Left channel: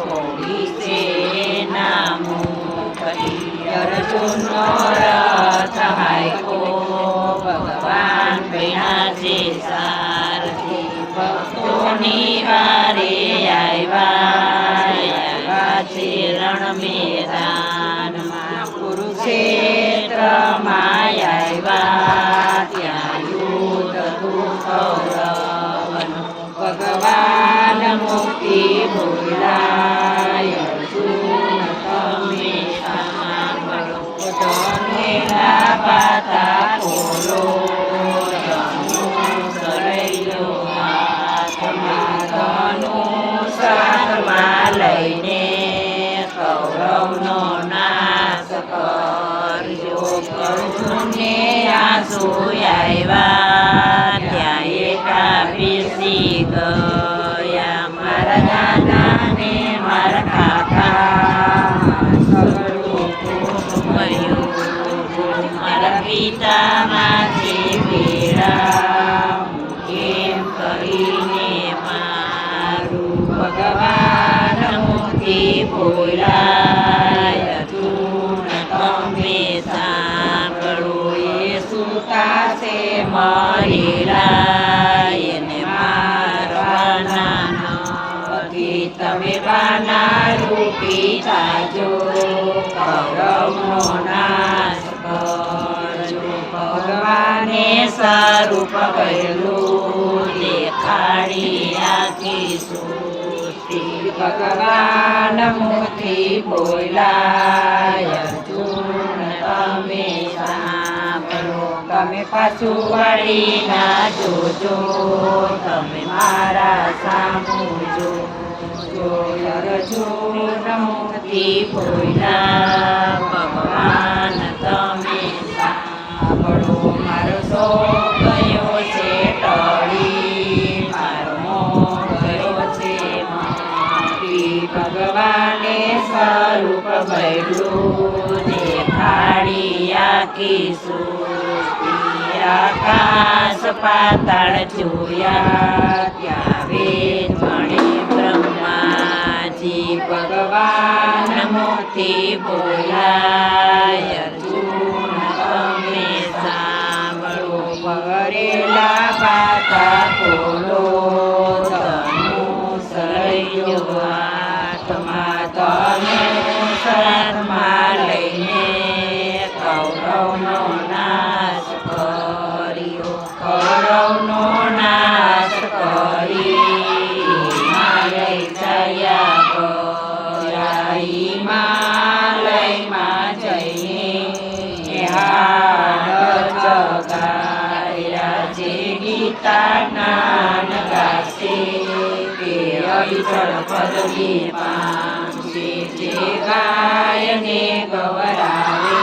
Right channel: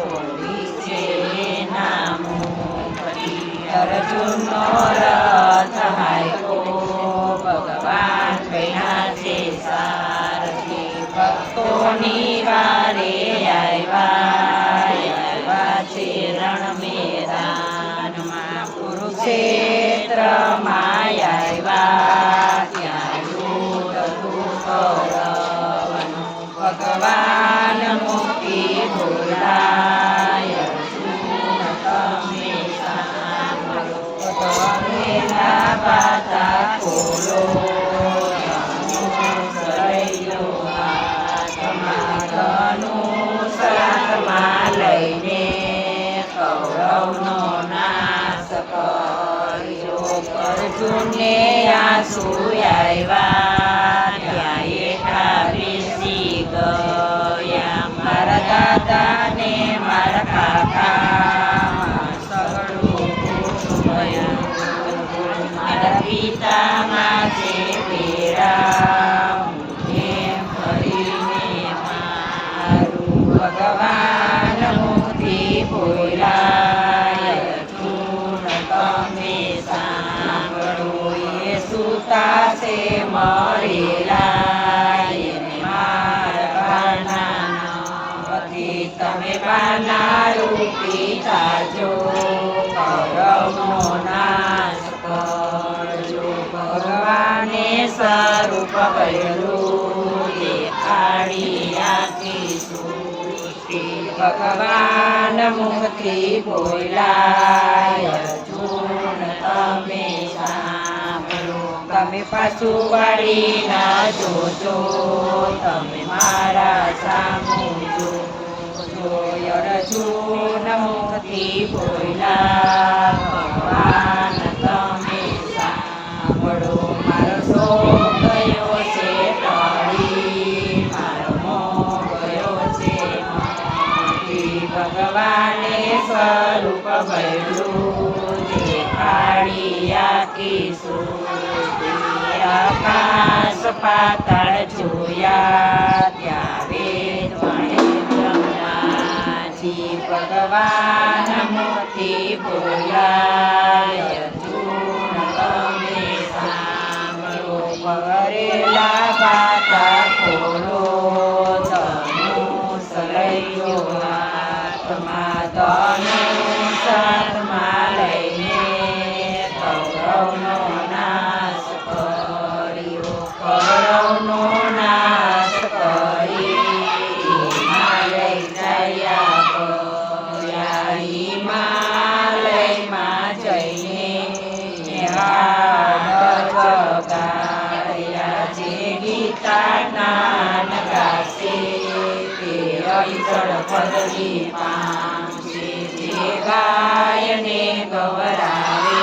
છોડી છે નામું કરી અર્જુનનો આવ્યા ત્યાં એકા બેસી ગયા મારા દાદાને રૂપી જાજો કરમનો નાશ કરજો. ભગવાને સ્વરૂપ પહેલું દેખાડી આખી સૃષ્ટિ. ભગવાન મુક્તિ બોલાય તમે સાંભળો. તમે પાછું વાળી ના જોજો, તમે મારા સામું જોજો. અર્જુન મુક્તિ બોલા ભગવાન તમે સાંભળો મારો ગયો છે ટળી મારો ગયો છે ભગવાને સ્વરૂપ ભૈલું દેખાડી આખી સૃષ્ટિ આકાશ પાતાળ જોયા ત્યાં બોલાય અર્જુન તમે સાંભળો વરેલા પાતા ખોલો હાથમાં ધનુષ હાથમાં લઈને કૌરવનો તે અવિચળ પદવી પામશે જે ગાયને ગવરાવે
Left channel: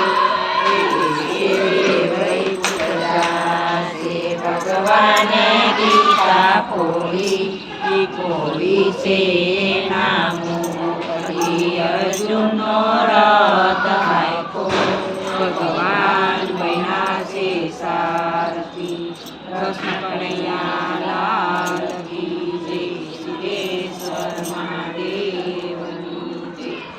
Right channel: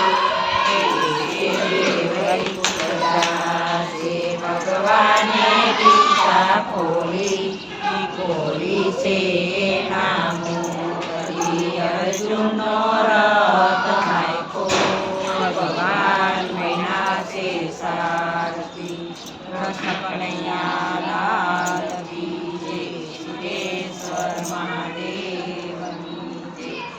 ભગવાને ગીતા ખોલી ખોલી છે નામું કરી અર્જુનનો